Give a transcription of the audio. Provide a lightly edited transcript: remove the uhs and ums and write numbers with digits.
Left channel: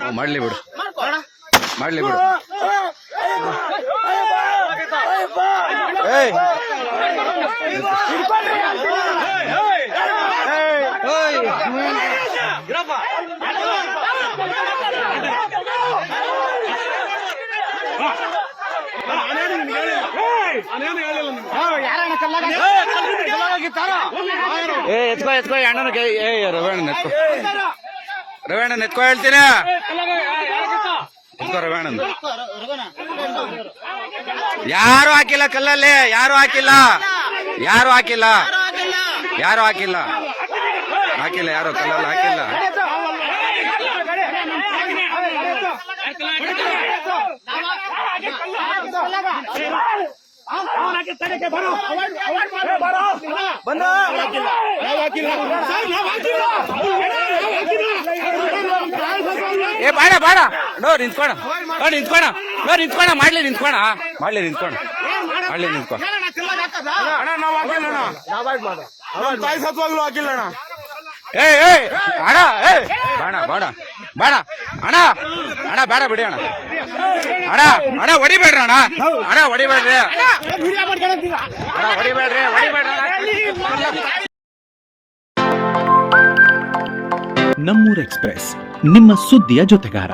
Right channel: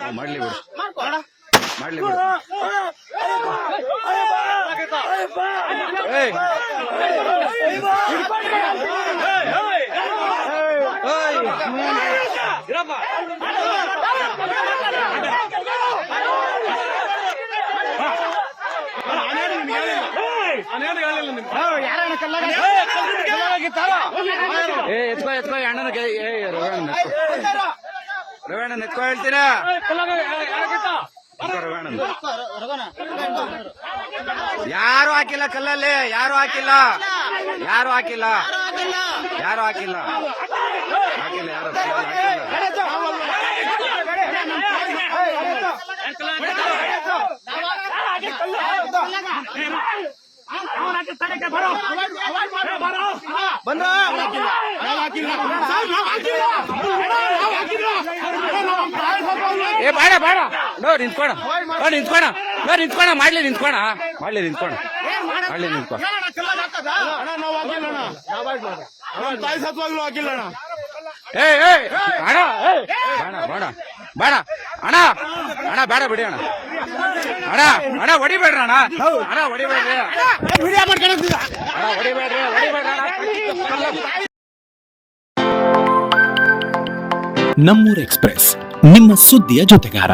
ಮಾಡ್ಲಿ ಬಿಡು ಮಾಡ್ಲಿ ಬಿಡು ಏಯ್ ಎತ್ಕೋ ಎತ್ಕೋ ಅಣ್ಣನ ರವೀಣ ಎತ್ಕೋ ಹೇಳ್ತೀನಿ ರವೀಣ ಯಾರು ಹಾಕಿಲ್ಲ ಕಲ್ಲಲ್ಲಿ ಯಾರು ಹಾಕಿಲ್ಲ ಯಾರು ಹಾಕಿಲ್ಲ ಯಾರು ಹಾಕಿಲ್ಲ ಹಾಕಿಲ್ಲ ಯಾರು ಕಲ್ಲಲ್ಲಿ ಹಾಕಿಲ್ಲ ಏ ಬೇಡ ಬೇಡ ನೋ ನಿಂತ್ಕೋಣ ನಿಂತ್ಕೋಣ ನಿಂತ್ಕೋಣ ಮಾಡ್ಲಿ ನಿಂತ್ಕೋಣ ಮಾಡ್ಲಿ ನಿಂತ್ಕೋಣ ಮಾಡ್ಲಿ ನಿಂತ್ಕೋ ತಾಯಿ ಸತ್ವಾಗ್ಲೂ ಹಾಕಿಲ್ಲ ಅಣ್ಣ. ಏ ಅಣ್ಣ ಬೇಡ ಬೇಡ ಬೇಡ ಅಣ್ಣ ಅಣ್ಣ ಬೇಡ ಬಿಡಿ ಅಣ್ಣ ಅಣ್ಣ ಅಣ್ಣ ಹೊಡಿಬೇಡ್ರಿ ಅಣ್ಣ ಅಣ್ಣ ಹೊಡಿಬೇಡ್ರಿ ಅಣ್ಣ ಹೊಡಿಬೇಡ್ರಿ ಹೊಡಿಬೇಡ್ರಿ ನಮ್ಮೂರ್ ಎಕ್ಸ್‌ಪ್ರೆಸ್ ನಿಮ್ಮ ಸುದ್ದಿಯ ಜೊತೆಗಾರ.